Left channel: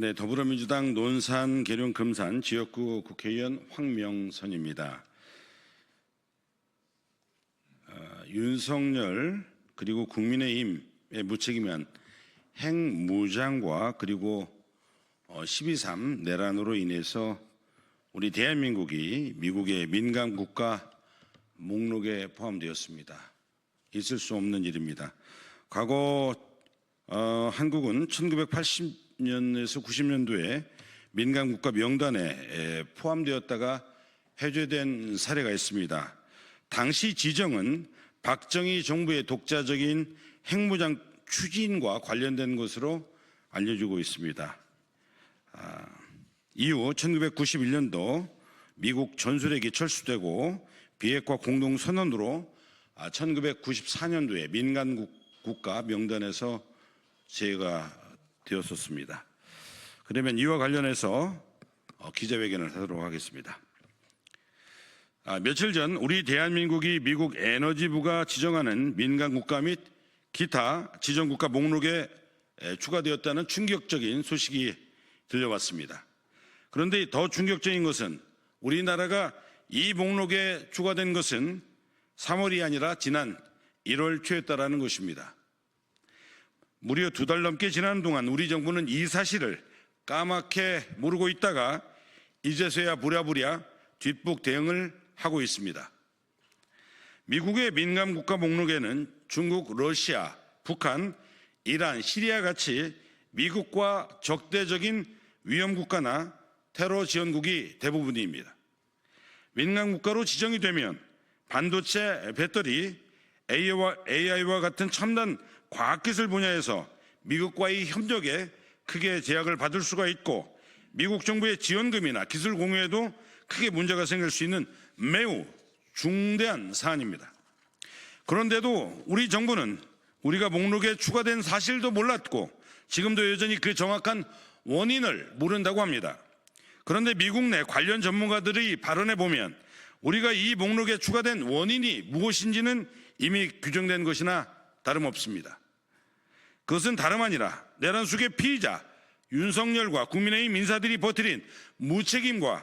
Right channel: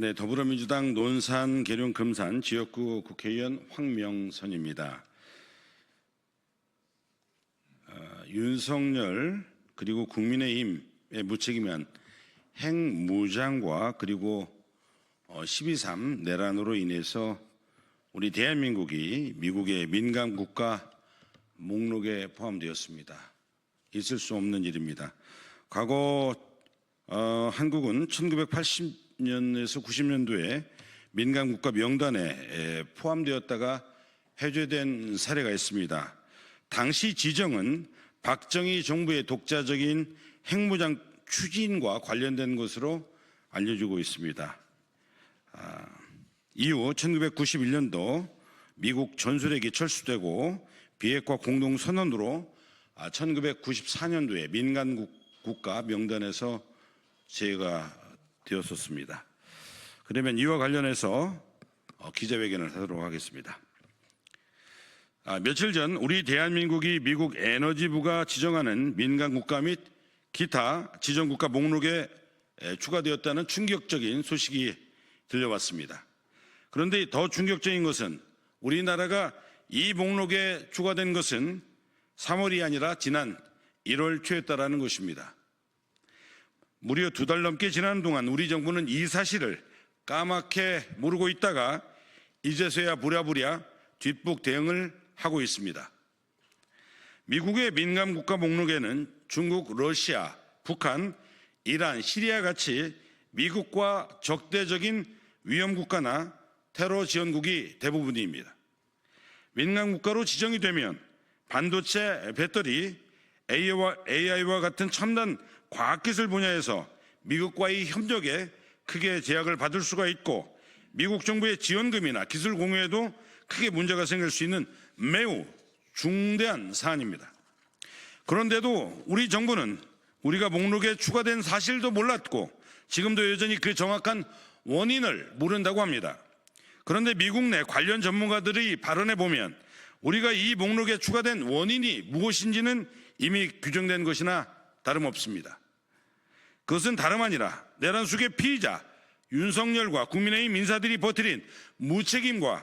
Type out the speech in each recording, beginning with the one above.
네, 더불어민주당 논산, 계룡, 금산 지역구 국회의원 황명선입니다. 윤석열 그리고 국민의힘의 무책임한 핵무장과 그리고 12.3 내란으로 인해서 우리 대한민국이 미국의 민감 국가 목록에 포함되었습니다. 있을 수 없는 일입니다. 과거 한국은 1980년에서 90년도에 민감 국가 명단에 포함되었다가 해제된 사례가 있습니다. 당시 지정은 박정희 정부의 독자적인 핵무장 추진과 관련된 것으로 알려지고 있습니다. 이후 1991년도 미국 전술핵이 철수되고 비핵화 공동선언으로 1994년도에 민간 국가 명단에서 제외가 되었었습니다. 그러면 이와 관련해서 기자회견을 하도록 하겠습니다. 며칠 전 우리 대한민국이 미국 에너지부가 지정하는 민간 국가 및 기타 지정 국가 목록에 추가되었다는 충격적인 소식이 들려왔습니다. 그런데 더 충격적인 것은 우리나라가 이 목록에 추가된 것은 3월이 아니라 지난 1월 초였다라는 것입니다. 무려 2달 넘게 지난 동안 우리 정부는 이 사실을 까맣게 모르고 있다가 이제서야 부랴부랴 뒷북 대응을 하고 있습니다. 미국의 민감 국가 목록에는 중국, 러시아, 북한, 이란, 시리아 같이 미국과 적대적인 위험 국가나 테러 지원국이 대부분입니다. 민감 국가로 지정이 되면 반도체, 배터리, AI와 같은 첨단 과학기술 분야에서 미국과의 협력에 크게 제약을 받을 수가 있고 미국 정부의 지원금이나 기술 공유에도 크게 문제가 생길 수 있는 매우 중대한 사안입니다. 그런데도 우리 정부는 우리가 목록에 추가된 사실도 몰랐고 지금도 여전히 그 정확한 원인을 모른다고 합니다. 그런데 미국 내 관련 전문가들의 발언에 보면 우리가 이 목록에 추가된 원인이 무엇인지는 이미 규정된 것이나 다름없습니다. 그것은 다름 아니라 내란 속의 피의자 윤석열과 국민의힘 인사들이 버티린 무책임한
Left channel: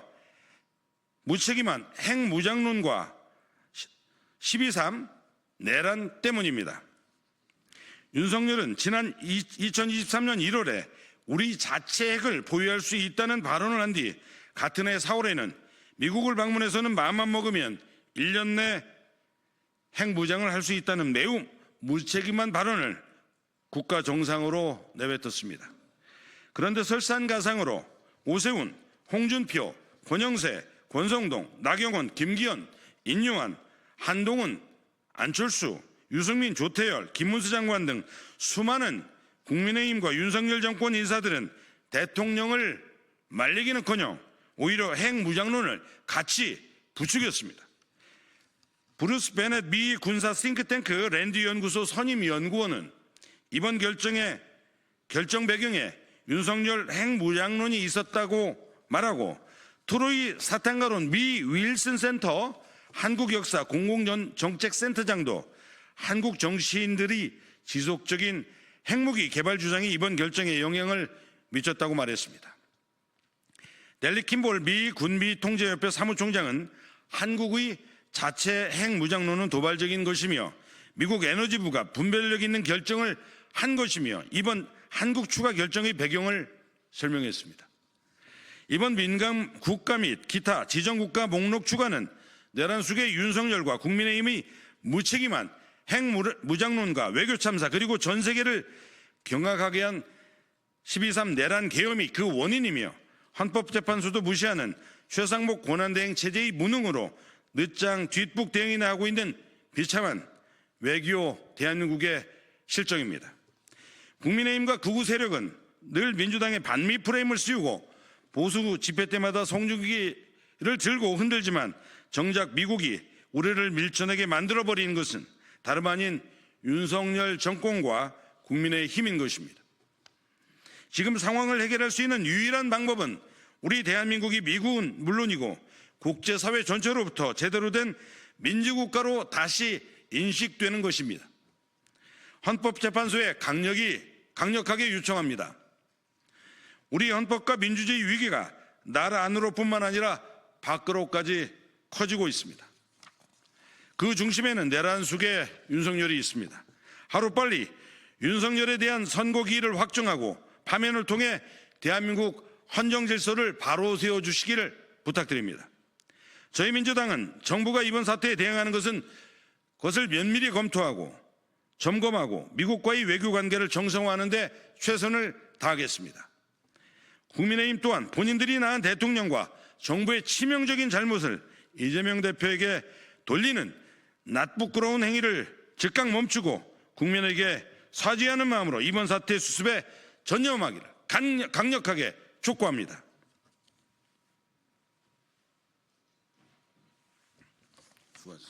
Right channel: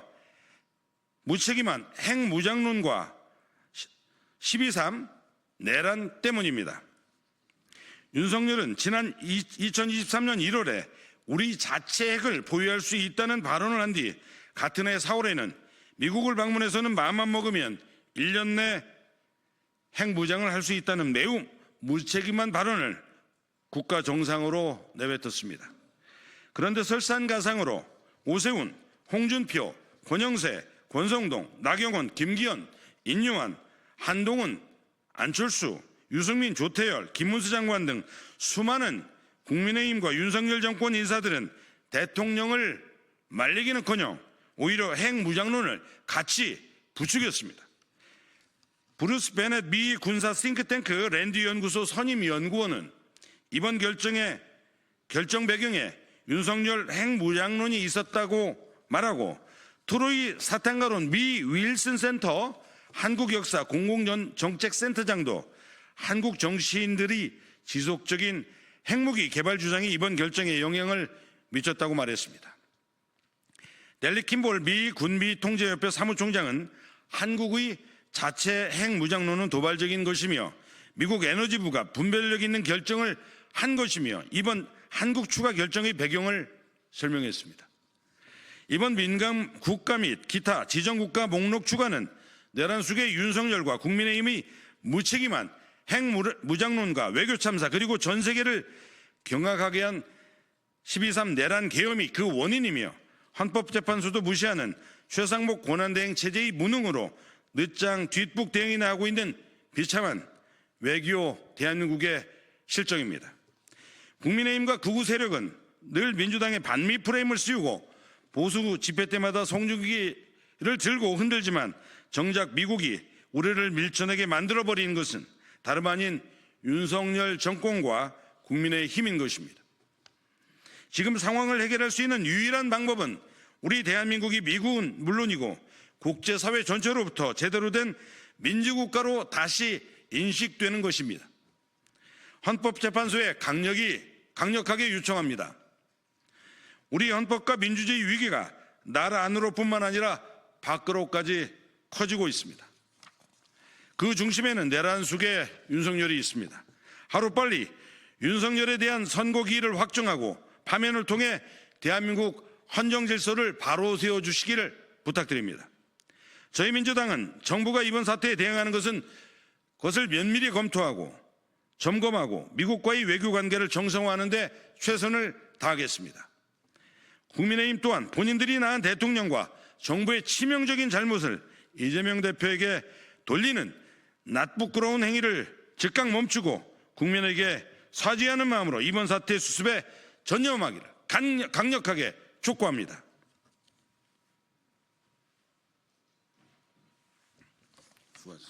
핵무장론과 12.3 내란 때문입니다. 윤석열은 지난 2023년 1월에 우리 자체 핵을 보유할 수 있다는 발언을 한 뒤 같은 해 4월에는 미국을 방문해서는 마음만 먹으면 1년 내 핵무장을 할 수 있다는 매우 무책임한 발언을 국가 정상으로 내뱉었습니다. 그런데 설상가상으로 오세훈, 홍준표, 권영세, 권성동, 나경원, 김기현, 인유한, 한동훈, 안철수, 유승민, 조태열, 김문수 장관 등 수많은 국민의힘과 윤석열 정권 인사들은 대통령을 말리기는커녕 오히려 핵무장론을 같이 부추겼습니다. 브루스 베넷 미 군사 싱크탱크 랜디 연구소 선임 연구원은 이번 결정 배경에 윤석열 핵무장론이 있었다고 말하고 트로이 사탕가론 미 윌슨 센터 한국역사 공공정책센터장도 한국 정치인들이 지속적인 핵무기 개발 주장이 이번 결정에 영향을 미쳤다고 말했습니다. 델리 킴볼 미 군비통제협회 사무총장은 한국의 자체 핵무장론은 도발적인 것이며 미국 에너지부가 분별력 있는 결정을 한 것이며 이번 한국 추가 결정의 배경을 설명했습니다. 이번 민감 국가 및 기타 지정국가 목록 추가는 내란 속의 윤석열과 국민의힘의 무책임한 핵무장론과 외교 참사 그리고 전 세계를 경악하게 한 12.3 내란 계엄이 그 원인이며 헌법재판소도 무시하는 최상목 권한대행 체제의 무능으로 늦장 뒷북 대응이나 하고 있는 비참한 외교 대한민국의 실정입니다. 국민의힘과 극우 세력은 늘 민주당의 반미 프레임을 씌우고 보수 집회 때마다 송중기를 들고 흔들지만 정작 미국이 우리를 밀쳐내게 만들어버린 것은 다름 아닌 윤석열 정권과 국민의 힘인 것입니다. 지금 상황을 해결할 수 있는 유일한 방법은 우리 대한민국이 미국은 물론이고 국제사회 전체로부터 제대로 된 민주국가로 다시 인식되는 것입니다. 헌법재판소에 강력하게 요청합니다. 우리 헌법과 민주주의 위기가 나라 안으로뿐만 아니라 밖으로까지 커지고 있습니다. 그 중심에는 내란 속에 윤석열이 있습니다. 하루빨리 윤석열에 대한 선고 기일을 확정하고 파면을 통해 대한민국 헌정 질서를 바로 세워주시기를 부탁드립니다. 저희 민주당은 정부가 이번 사태에 대응하는 것을 면밀히 검토하고 점검하고 미국과의 외교 관계를 정상화하는 데 최선을 다하겠습니다. 국민의힘 또한 본인들이 낳은 대통령과 정부의 치명적인 잘못을 이재명 대표에게 돌리는 낯부끄러운 행위를 즉각 멈추고 국민에게 사죄하는 마음으로 이번 사태 수습에 전념하기를 강력하게 촉구합니다. 수고하셨습니다.